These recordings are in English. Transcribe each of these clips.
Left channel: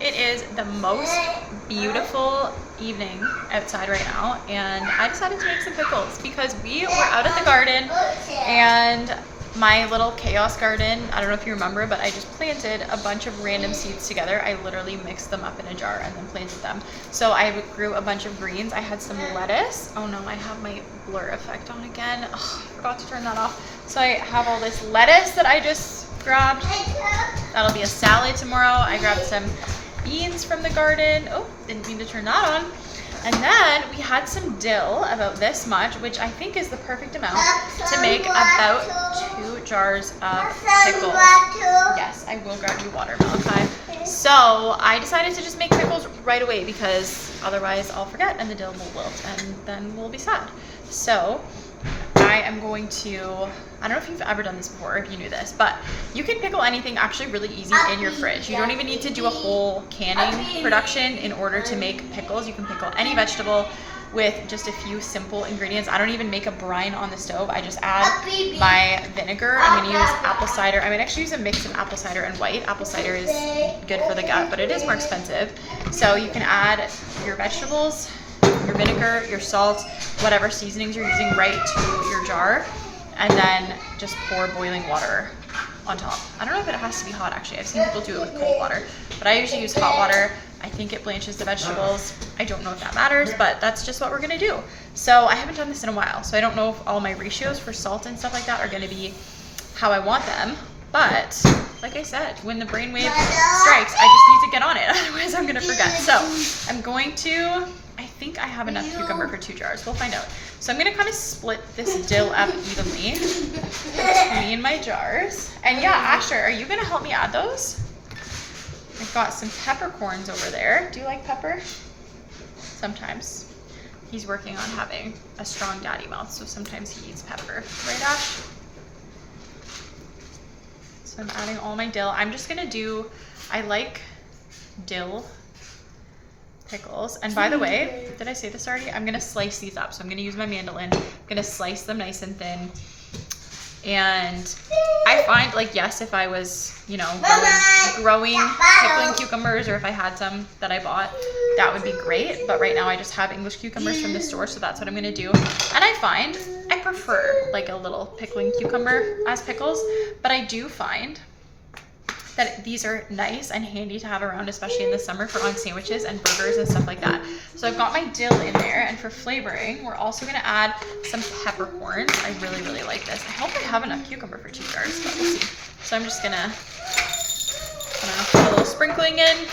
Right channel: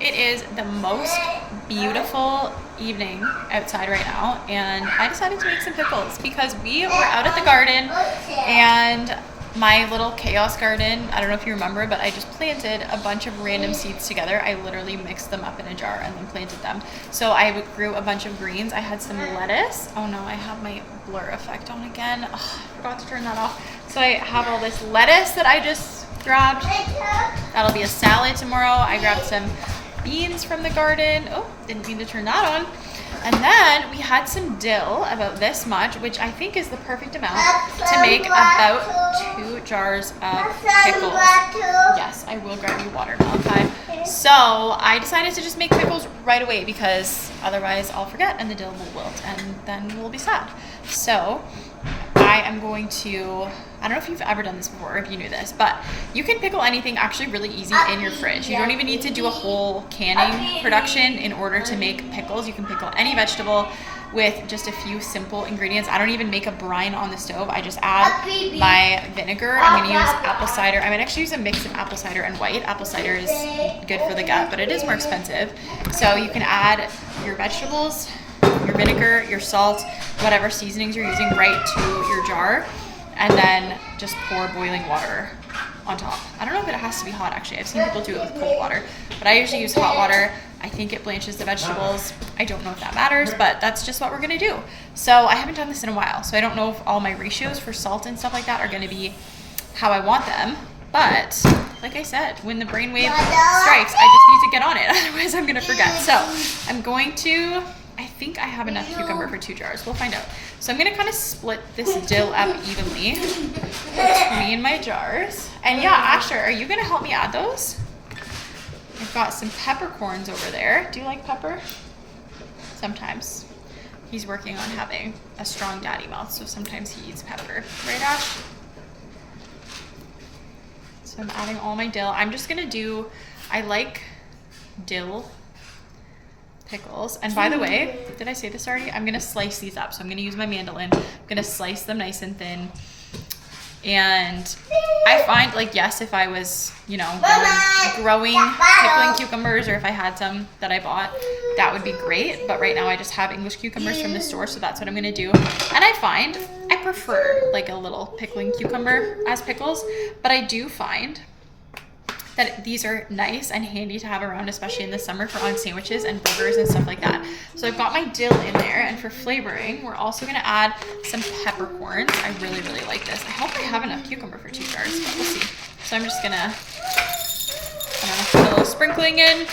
It is the most beautiful evening outside right now, and I decided to make some pickles because we were out at the garden, and my little chaos garden, I don't know if you remember, but I just planted a bunch of random seeds together. I literally mixed them up in a jar and then planted them. So I grew a bunch of greens. I had some lettuce. Oh no, I have my blur effect on again. Oh, I forgot to turn that off. So I have all this lettuce that I just grabbed. That'll be a salad tomorrow. I grabbed some beans from the garden. Oh, didn't mean to turn that on. And then we had some dill, about this much, which I think is the perfect amount to make about 2 jars of pickles. Yes, I will grab you water, Malachi. So I decided to just make pickles right away because otherwise I'll forget and the dill will wilt and then we'll be sad. So I am going to, I don't know if you've ever done this before, if you knew this, but you can pickle anything actually really easy in your fridge. You don't even need to do a whole canning production in order to make pickles. You can pickle any vegetable with just a few simple ingredients. I don't even make a brine on the stove. I just add my vinegar. I'm gonna use apple cider. I might actually use a mix of apple cider and white. Apple cider is good for the gut, but it is more expensive. So you can add your vegetables, your vinegar, your salt, whatever seasonings you're using right to your jar, and then just pour boiling water on top. I don't know if it has to be hot actually. I've seen people do it with cold water, but I usually use hot water. I think it blanches the vegetables. I don't know if that matters, but that's just what we're gonna do. So I haven't done this in a while, so I don't know if all my ratios for salt and stuff like that are gonna be how I want them. But like I said, when the brainwave strikes, I just need to get on it, otherwise I'm gonna forget. So I'm going to, I think I have enough cucumber for 2 jars. We'll find out. So I'm gonna kind of split this dill up evenly between my jars. And yeah, Asher, are you gonna help me add those? I've got some peppercorns over there. Do you like pepper? Sometimes. He's working on having a strong daddy mouth, so sometimes he eats pepper. Right, Ash? So I'm adding all my dill. I'm just gonna do, I like dill pickles. And by the way, did I say this already? I'm gonna slice these up. So I'm gonna use my mandolin. I'm gonna slice them nice and thin. And I find, like, yes, if I was, you know, growing pickling cucumbers, or if I had some that I bought, that would be great. But right now I just have English cucumbers from the store, so that's what I'm gonna do. And I find I prefer like a little pickling cucumber as pickles, but I do find that these are nice and handy to have around, especially in the summer for on sandwiches and burgers and stuff like that. So I've got my dill in there, and for flavoring, we're also gonna add some peppercorns. I really, really like this. I hope I have enough cucumber for 2 jars, but we'll see. So I'm just gonna, put a little sprinkling in.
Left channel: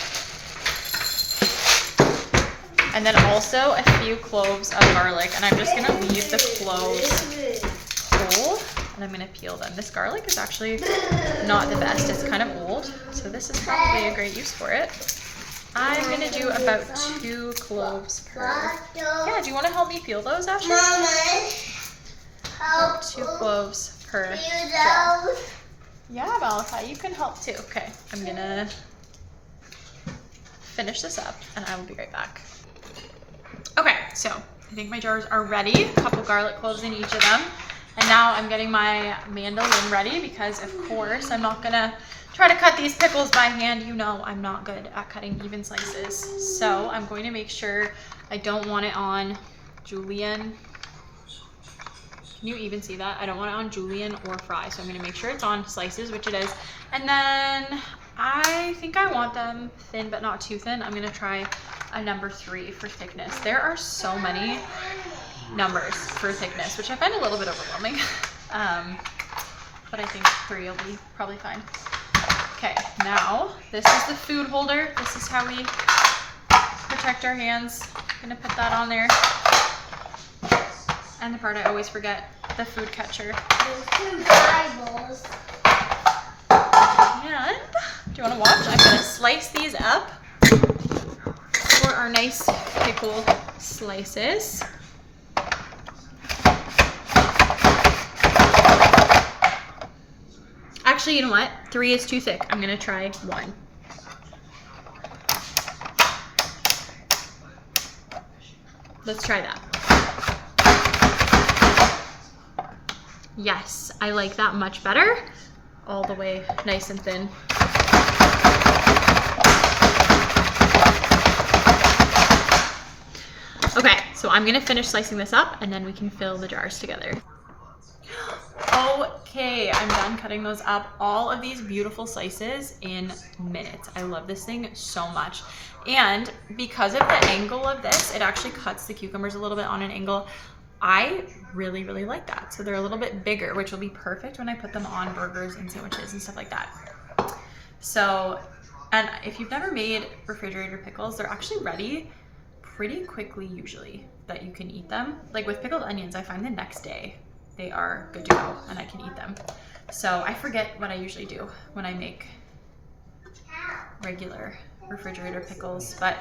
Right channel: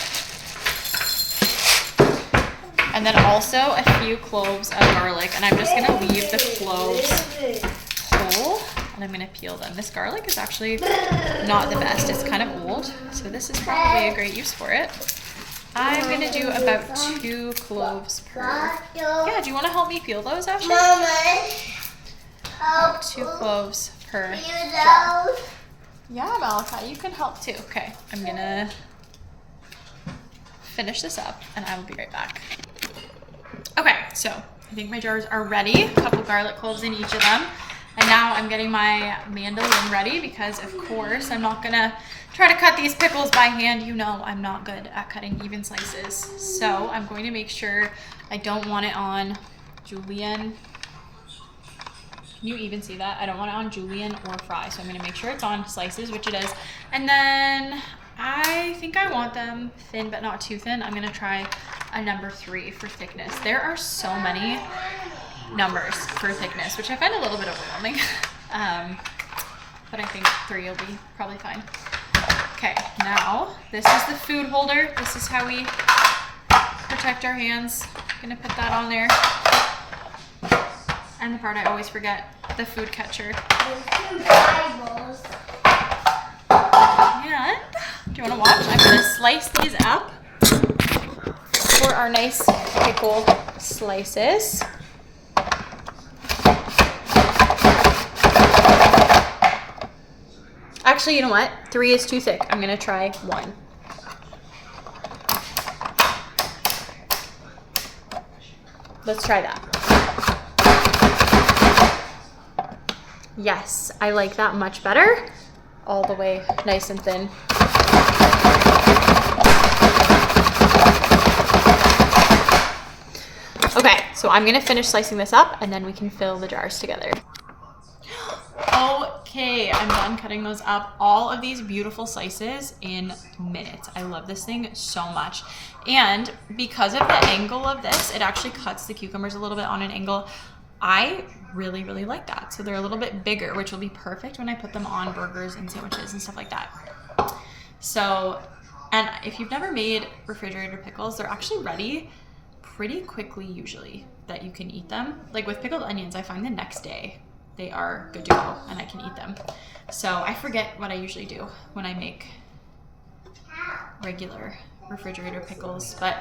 And then also a few cloves of garlic, and I'm just gonna leave the cloves whole. And I'm gonna peel them. This garlic is actually not the best. It's kind of old, so this is probably a great use for it. I'm gonna do about 2 cloves per. Yeah, do you wanna help me peel those, Ashley? About 2 cloves per jar. Yeah, Malachi, you can help too. Okay, I'm gonna finish this up and I will be right back. Okay, so I think my jars are ready. A couple garlic cloves in each of them. And now I'm getting my mandolin ready because, of course, I'm not gonna try to cut these pickles by hand. You know I'm not good at cutting even slices. So I'm going to make sure I don't want it on julienne. Can you even see that? I don't want it on julienne or fry. So I'm gonna make sure it's on slices, which it is. And then I think I want them thin, but not too thin. I'm gonna try a number 3 for thickness. There are so many numbers for thickness, which I find a little bit overwhelming. But I think 3 will be probably fine. Okay, now this is the food holder. This is how we protect our hands. I'm gonna put that on there. And the part I always forget, the food catcher. And do you wanna watch? I'm gonna slice these up for our nice pickle slices. Actually, you know what? 3 is too thick. I'm gonna try 1. Let's try that. Yes, I like that much better. All the way nice and thin. I'm gonna finish slicing this up and then we can fill the jars together. Okay, I'm done cutting those up. All of these beautiful slices in minutes. I love this thing so much. And because of the angle of this, it actually cuts the cucumbers a little bit on an angle. I really, really like that. So they're a little bit bigger, which will be perfect when I put them on burgers and sandwiches and stuff like that. So, and if you've never made refrigerator pickles, they're actually ready pretty quickly usually that you can eat them. Like with pickled onions, I find the next day they are good to go and I can eat them. So I forget what I usually do when I make regular refrigerator pickles, but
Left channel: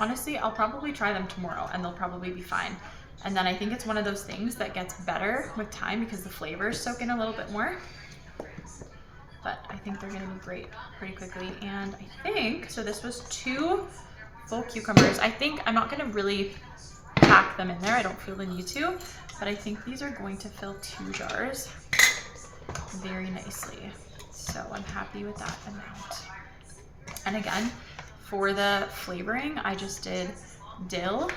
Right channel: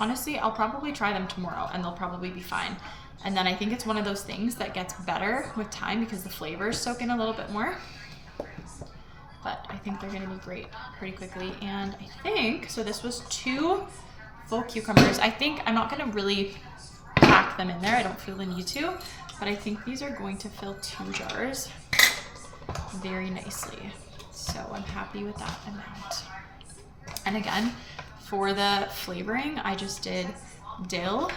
honestly, I'll probably try them tomorrow and they'll probably be fine. And then I think it's one of those things that gets better with time because the flavors soak in a little bit more. But I think they're gonna be great pretty quickly. And I think, so this was 2 full cucumbers. I think I'm not gonna really pack them in there. I don't feel the need to, but I think these are going to fill 2 jars very nicely. So I'm happy with that amount. And again, for the flavoring, I just did dill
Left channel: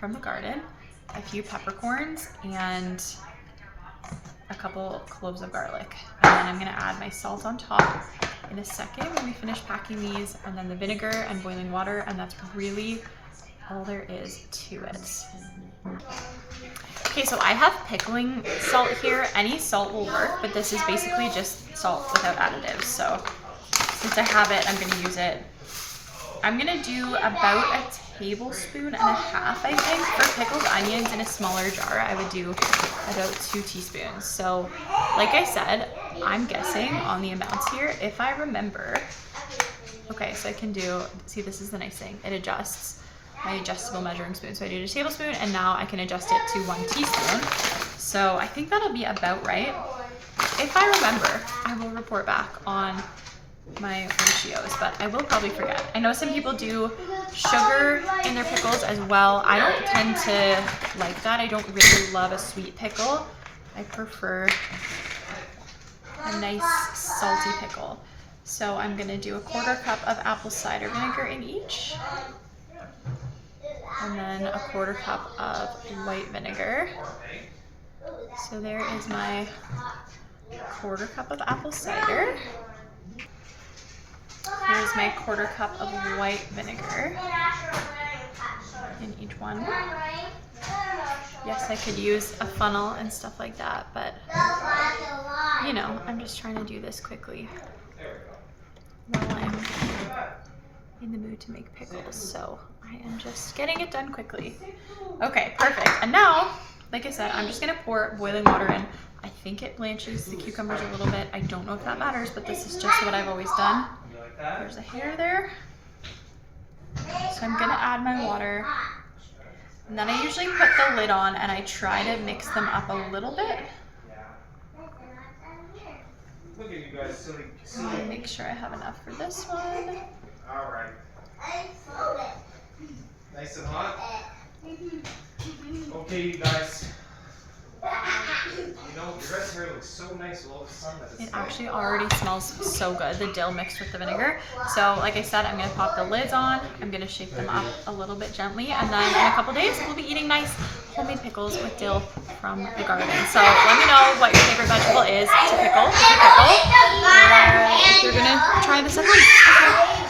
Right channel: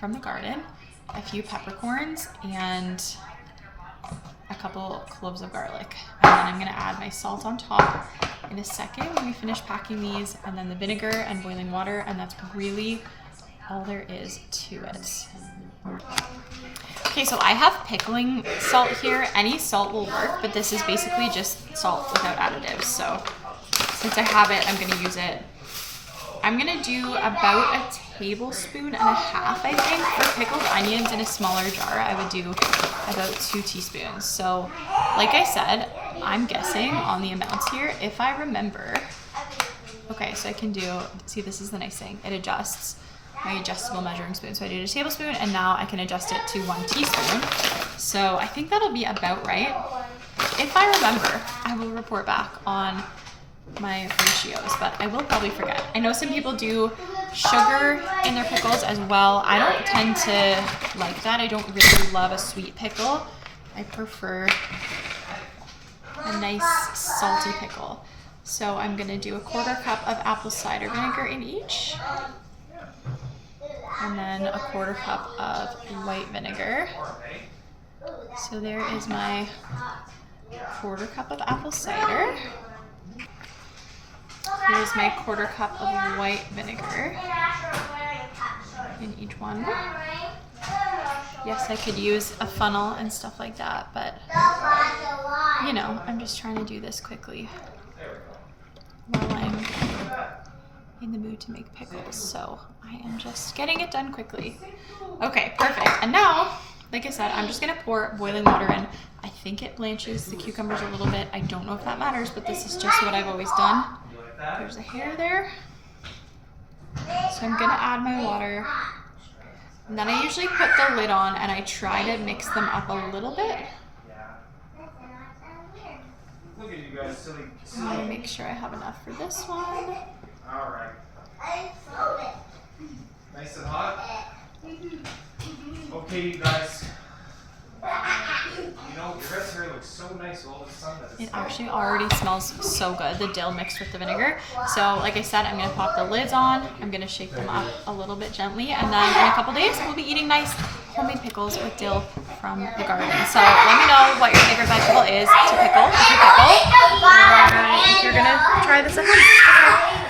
from the garden, a few peppercorns, and a couple cloves of garlic. And then I'm gonna add my salt on top in a second when we finish packing these, and then the vinegar and boiling water, and that's really all there is to it. Okay, so I have pickling salt here. Any salt will work, but this is basically just salt without additives. So since I have it, I'm gonna use it. I'm gonna do about 1.5 tablespoons, I think. For pickled onions in a smaller jar, I would do about 2 teaspoons. So like I said, I'm guessing on the amounts here, if I remember. Okay, so I can do, see, this is the nice thing. It adjusts my adjustable measuring spoon. So I did 1 tablespoon and now I can adjust it to 1 teaspoon. So I think that'll be about right. If I remember, I will report back on my ratios, but I will probably forget. I know some people do sugar in their pickles as well. I don't tend to like that. I don't really love a sweet pickle. I prefer a nice salty pickle. So I'm gonna do 1/4 cup of apple cider vinegar in each, and then 1/4 cup of white vinegar. So there is my 1/4 cup of apple cider. Here's my 1/4 cup of white vinegar in each one. Yes, I could use a funnel and stuff like that, but you know, I'm just trying to do this quickly while I'm in the mood to make pickles. So I am just getting it done quickly. Okay, perfect. And now, like I said, I'm just gonna pour boiling water in. I think it blanches the cucumbers a little bit. I don't know if that matters, but this is just what I've always done. There's a hair there. So I'm gonna add my water. And then I usually put the lid on and I try to mix them up a little bit. Look at you guys, silly. I'm gonna make sure I have enough for this one. All right. Nice and hot. Okay, you guys. You know, your rest hair looks so nice with all the sun that It actually already smells so good, the dill mixed with the vinegar. So like I said, I'm gonna pop the lids on. I'm gonna shake them up a little bit gently. And then in a couple days, we'll be eating nice homemade pickles with dill from the garden. So let me know what your favorite vegetable is to pickle, if you pickle, or if you're gonna try this at home.